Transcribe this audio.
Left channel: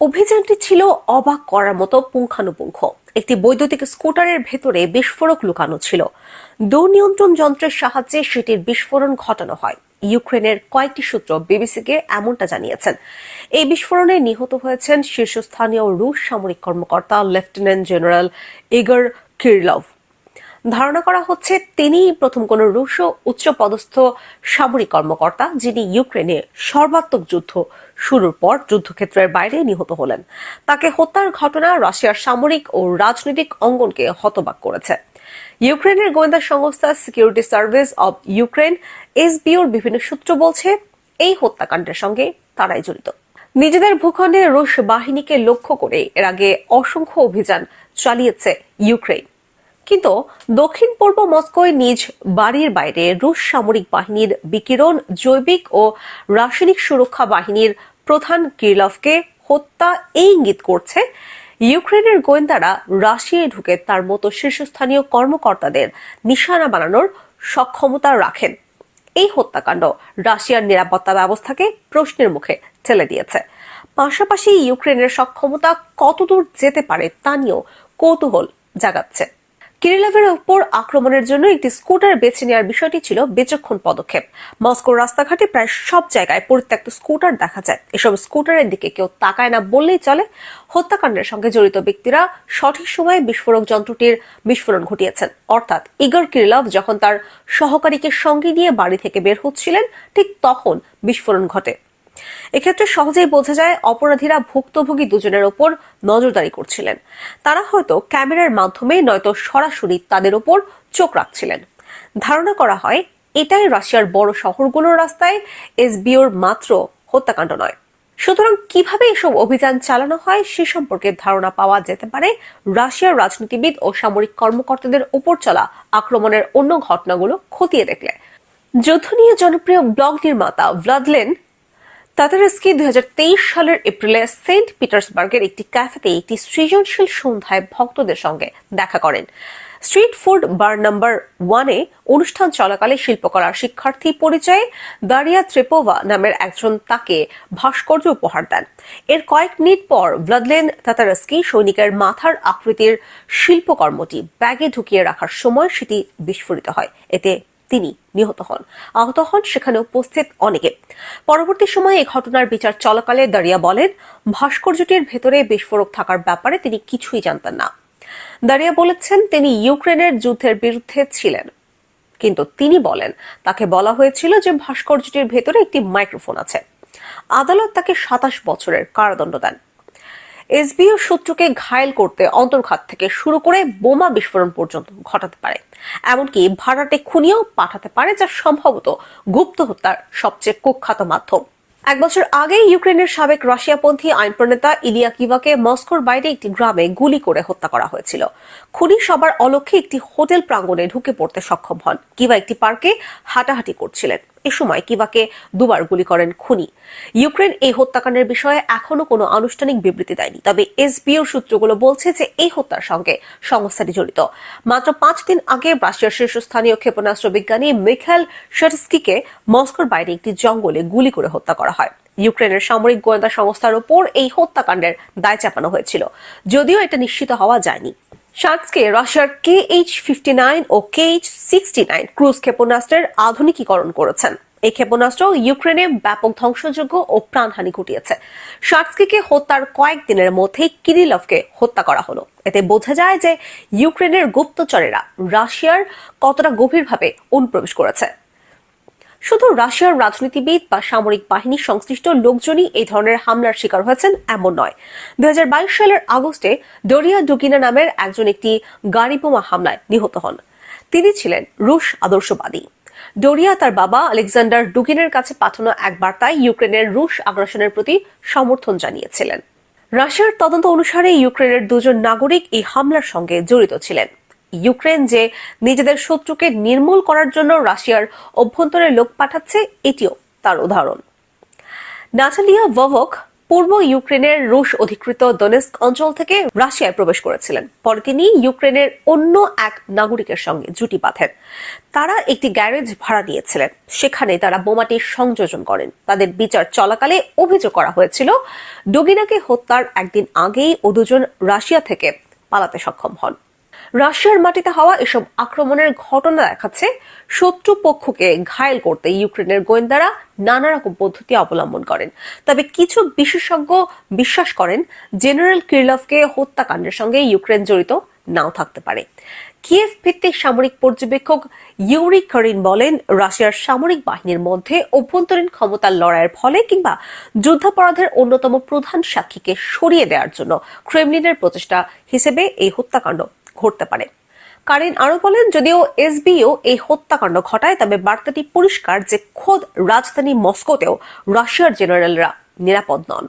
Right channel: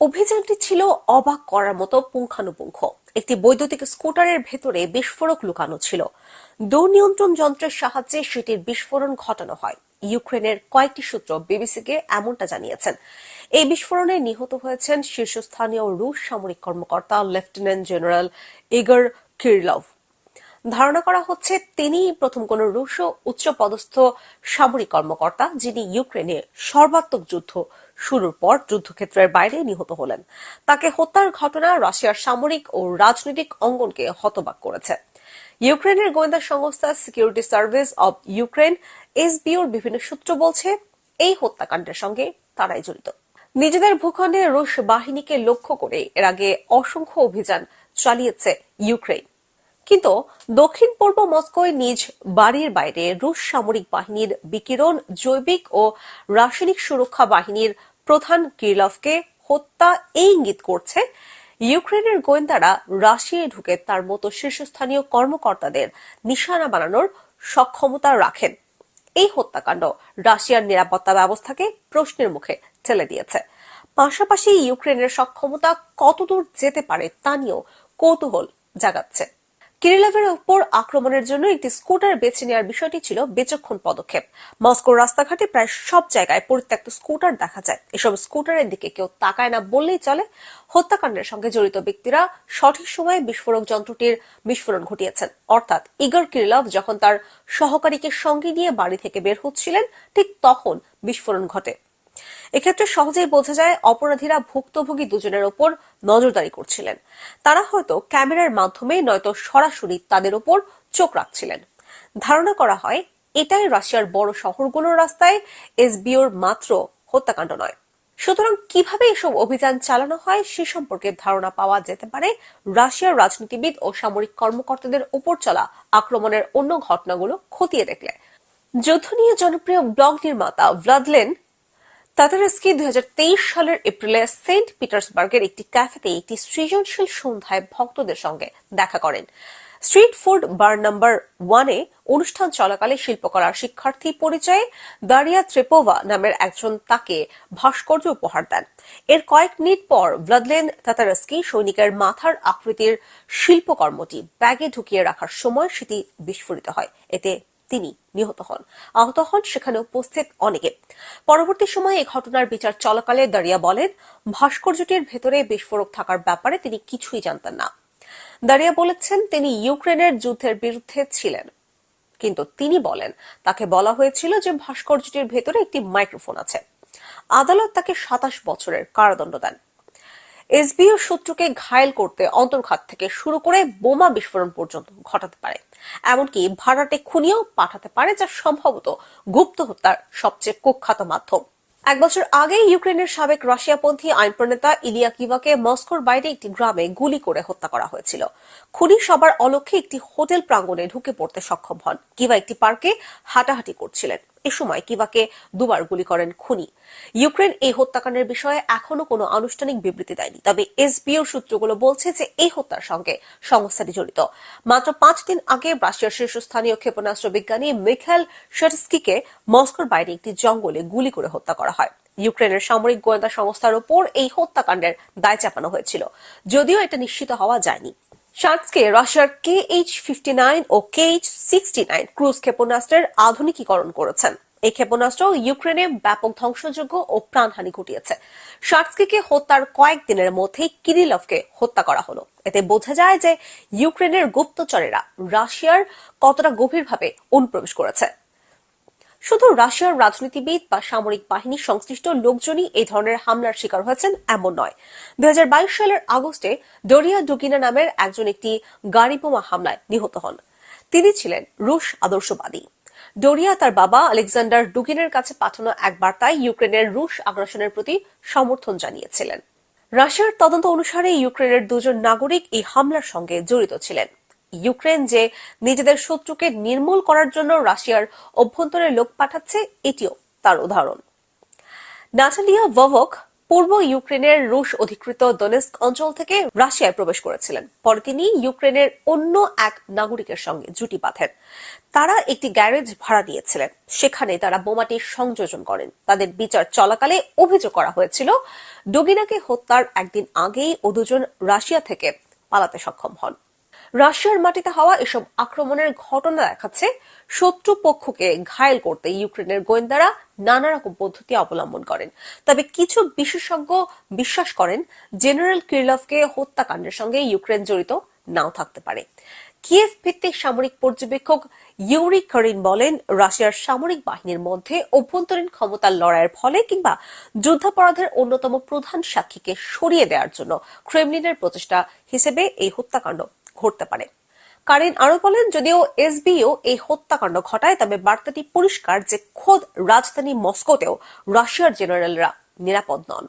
অভিযানটি ছিল অবাক করার মতো পুঙ্খানুপুঙ্খ। একটি বৈদ্যুতিক স্কুটারের ভেতরে বিস্ফোরক লুকানো ছিল। দূরনিয়ন্ত্রণ যন্ত্রের সাহায্যে সেটির বিস্ফোরণ ঘটানো হয়। ইউক্রেনের কয়েকটি সূত্র বিবিসিকে এমনটা জানিয়েছেন। এই বিস্ফোরণে নিহত হয়েছেন শীর্ষস্থানীয় রুশ সামরিক কর্মকর্তা লেফটেন্যান্ট জেনারেল ইগর কিরিলভ। ধারণা করা হচ্ছে তিনিই প্রথম কোন রুশ উচ্চপদস্থ সামরিক কর্মকর্তা যিনি ইউক্রেনে সর্বাত্মক যুদ্ধ শুরুর পর যুদ্ধক্ষেত্রের বাইরে নিহত হলেন। তাকে হত্যার ঘটনা রাশিয়ার সামরিক ও রাজনৈতিক অঙ্গনকে হতবাক করেছে। ইউক্রেনের গোয়েন্দা সংস্থা সিকিউরিটি সার্ভিস অব ইউক্রেন এসবিওর বিভিন্ন সূত্র বলছে এই হত্যাকাণ্ডের সঙ্গে তারাই জড়িত। নিজেদের ভূখণ্ডে রুশ বাহিনীকে লক্ষ্য করে এর আগে অসংখ্য অভিযান চালিয়েছে ইউক্রেন, কিন্তু দক্ষিণ পূর্ব মস্কোয় নিজ বাড়ির বাইরে রুশ সামরিক বাহিনীর বিকিরণ জৈবিক ও রাসায়নিক সুরক্ষা বাহিনীর প্রধান কিরিলভকে হত্যা এই ইঙ্গিত করছে ইউক্রেনের গোয়েন্দারা রাশিয়ায় ঢুকে তার মতো শীর্ষস্থানীয় কর্মকর্তাদের নিশানা বানানোর সক্ষমতা রাখেন। এই হত্যাকাণ্ড রাশিয়ার নিরাপত্তা ব্যবস্থাকে প্রশ্নের মুখে ঠেলে দিয়েছে। পাশাপাশি ইউক্রেনের সক্ষমতা কতদূর যেতে পারে তা নিয়েও কৌতূহল জাগাচ্ছে। কিরিলভের উপর আক্রমণের জন্য একটি স্কুটার বেছে নেওয়ার বিষয়টি ছিল বিচক্ষণ পদক্ষেপ। মস্কোর রাস্তাঘাটে প্রায় সব জায়গায় পরিত্যক্ত স্কুটার দেখা যায়। এসব স্কুটারের দিকে কেউ তাকায় না বললেই চলে। হত্যাকাণ্ডের সঙ্গে জড়িত ব্যক্তিরা সঠিক সময়ে বিস্ফোরক যন্ত্রটির বিস্ফোরণ ঘটিয়েছেন, অর্থাৎ ইগর কিরিলভ যখন তার সহকারীকে সঙ্গে নিয়ে বাড়ি থেকে বের হচ্ছিলেন ঠিক তখন বিস্ফোরণ ঘটে। এক্ষেত্রে সহজেই বোঝা যায় অপরাধীরা ভুক্তভোগী দুজনের ওপর নজরদারি করছিলেন। তারা হয়তো ক্যামেরার মাধ্যমে নয়তো সরাসরি তাদের ওপর চোখ রাখছিলেন। ধারণা করা হয় এটাই রাশিয়ার বড় শহরগুলোর রাস্তায় এসবিওর মাত্র হত্যাকাণ্ড নয়। সুতরাং কিভাবে এসব অভিযান চালানো হয় সে সম্পর্কে ধারণা পাওয়া যেতে পারে রাশিয়ার রাজনীতিবিদ ও সামরিক কর্মকর্তাদের উপর চলা আক্রমণের অন্য ঘটনাগুলো খতিয়ে দেখলে। যুদ্ধ নিয়ে জনপ্রিয় ব্লগ নির্মাতা ভ্লাদিমির তাতারস্কি 2023 সালের এপ্রিলে সেন্ট পিটার্সবার্গের একটি ক্যাফেতে একটি সৃজনশীল সন্ধ্যায় ভক্তদের সঙ্গে দেখা করেন। স্ট্রিট ফুড বার নাম্বার 1-এ অনুষ্ঠান চলাকালে শিল্পকলার শিক্ষার্থী পরিচয়ে দারিয়া ট্রেপোভা নামের একজন তাকে ভাস্কর্য উপহার দেন। এর কয়েক মিনিট পর ভ্লাদিমির তাতারস্কি সৈনিকের মাথার আকৃতির শিল্পকর্মটি ব্যাগে ঢুকিয়ে রাখার সময় সেটি বিস্ফোরিত হয়। এতে তিনি নিহত হন। আহত হন সেখানে উপস্থিত অনেকে। পরবর্তী সময়ে এই ঘটনার বিচার চলাকালে দারিয়া বলেন, ভাস্কর্যটির ভেতরে বিস্ফোরক থাকার ব্যাপারে তিনি কিছুই জানতেন না। দারিয়া বলেছেন তিনি ইউক্রেনের যুদ্ধের বিরুদ্ধে ছিলেন, কিন্তু তিনি বলেন তাকে বলা হয়েছিল যে ভাস্কর্যটির ভেতরে একটি মাইক্রোফোন আছে। আদালত তাকে 27 বছরের কারাদণ্ড দেন। এসবিও সূত্রকে ঘায়েল করতে অন্তর্ঘাত থেকে শুরু করে বোমা বিস্ফোরণ পর্যন্ত ঘটাতে পারে, এমনকি ভাড়াটে খুনিও পাঠাতে পারে, যা সম্ভবত গুপ্ত হত্যার সবচেয়ে কুখ্যাত মাধ্যম। 1 বছর আগে ইউক্রেনের সাবেক রাশিয়াপন্থী আইন প্রণেতা ইলিয়া কিভাকে মস্কোর বাইরে একটি গ্রামে গুলি করে হত্যা করা হয়েছিল। খুনি সবার অলক্ষ্যে একটি হোটেল প্রাঙ্গণে ঢুকে পড়তে সক্ষম হন। কিভা একটি পার্কে হাঁটাহাঁটি করছিলেন। এ সময় কিভাকে দুবার গুলি করেন খুনি। ইউক্রেন এই হত্যাকাণ্ডের বিষয়ে এখনো কোনো আনুষ্ঠানিক বিবৃতি দেয়নি, তবে এসবিও সূত্রগুলো বলছে যে এই হত্যার সঙ্গে সংস্থাটি জড়িত। মাত্র 5 দিন আগে রাশিয়ার শীর্ষস্থানীয় ক্ষেপণাস্ত্র বিজ্ঞানী মিখাইল শার্স্কিকে মস্কোর বাইরে একটি জঙ্গলে গুলি করে হত্যা করা হয়। ইউক্রেনের সামরিক গোয়েন্দা সংস্থার উপর এই হত্যাকাণ্ডের দায় চাপানো হয়েছিল, যদিও এটা নিশ্চিত হওয়া যায়নি। শার্স্কি রাশিয়ার KH-59 ও KH-69 ক্রুজ ক্ষেপণাস্ত্রের আধুনিকীকরণ করেছেন। এই ক্ষেপণাস্ত্র ইউক্রেনে ব্যাপক ধ্বংসযোগ্য ও প্রাণহানি ঘটিয়েছে। শার্স্কিকে হত্যার কয়েকদিনের মধ্যেই কিরিলভকে হত্যা করা হলো। এতে বোঝা যায় যে ইউক্রেনের গুপ্তচরেরা রাশিয়ার কতটা গভীরভাবে অনুপ্রবেশ করেছে। শুধু রাশিয়ার রাজনীতিবিদ বা সামরিক বাহিনী সংশ্লিষ্ট লোকজনই এই ধরনের হামলার শিকার হয়েছেন এমন নয়। 2022 সালের আগস্টে ডোরিয়া ডুগিনা নামের একজন একটি গাড়ি বোমা হামলায় নিহত হন। তিনি ছিলেন রুশ আদর্শবাদী। ডোরিয়া তার বাবা আলেকজান্ডার ডুগিনের কাছে পাঠানো এক বার্তায় ইউক্রেনের রুশ আগ্রাসনের প্রতি সমর্থন জানিয়েছিলেন। রাশিয়ার তদন্ত অনুসারে ইউক্রেনের 2 জন নাগরিক এই হামলার সঙ্গে জড়িত ছিলেন। ইউক্রেন যে নিজেদের শত্রুকে নির্মূল করার জন্য রাশিয়ার অভ্যন্তরে লোক পাঠাচ্ছে, এটিও তার উদাহরণ। নাটালিয়া ভভক পূর্ব ইউক্রেনের রুশ অধিকৃত দোনেস্ক অঞ্চল থেকে রাশিয়ায় প্রবেশ করেছিলেন। পরে তিনি ইউক্রেনের অন্য এক নাগরিকের সঙ্গে জুটি বাঁধেন। তারা একটি গ্যারেজ ভাড়া নিয়েছিলেন, সেখানে তারা বোমাটির সংযোজন করেন। তাদের বিচার চলাকালে অভিযোগ করা হয়েছিল ডুগিনাকে হত্যার একদিন আগেই ও দুজন রাশিয়া থেকে পালাতে সক্ষম হন। রাশিয়ার মাটিতে হওয়া এসব আক্রমণের ঘটনা দেখাচ্ছে শত্রু পক্ষকে ঘায়েল করতে ইউক্রেনের গোয়েন্দারা নানা রকম পদ্ধতি অবলম্বন করেন। তবে কিছু বিশেষজ্ঞ বিশ্বাস করেন জেনারেল কিরলভকে হত্যাকাণ্ডের সঙ্গে ইউক্রেন জড়িত নাও থাকতে পারে। কিয়েভ ভিত্তিক সামরিক পর্যবেক্ষক ইউরি করিন বলেন, রাশিয়ার সামরিক বাহিনীর মধ্যে অভ্যন্তরীণ ক্ষমতার লড়াইয়ের ফলে কিংবা যুদ্ধাপরাধের অন্যতম প্রধান সাক্ষীকে সরিয়ে দেওয়ার জন্য ক্রেমলিনের প্রচেষ্টা হিসেবে এই হত্যাকাণ্ড ঘটতে পারে। কারিন আরো বলেন, যদিও এসবিও এই হত্যাকাণ্ড ঘটায়, তবে বার্তাটি পরিষ্কার যে খোদ রাজধানী মস্কোতেও রাশিয়ার জেনারেলরা নিরাপদ নন।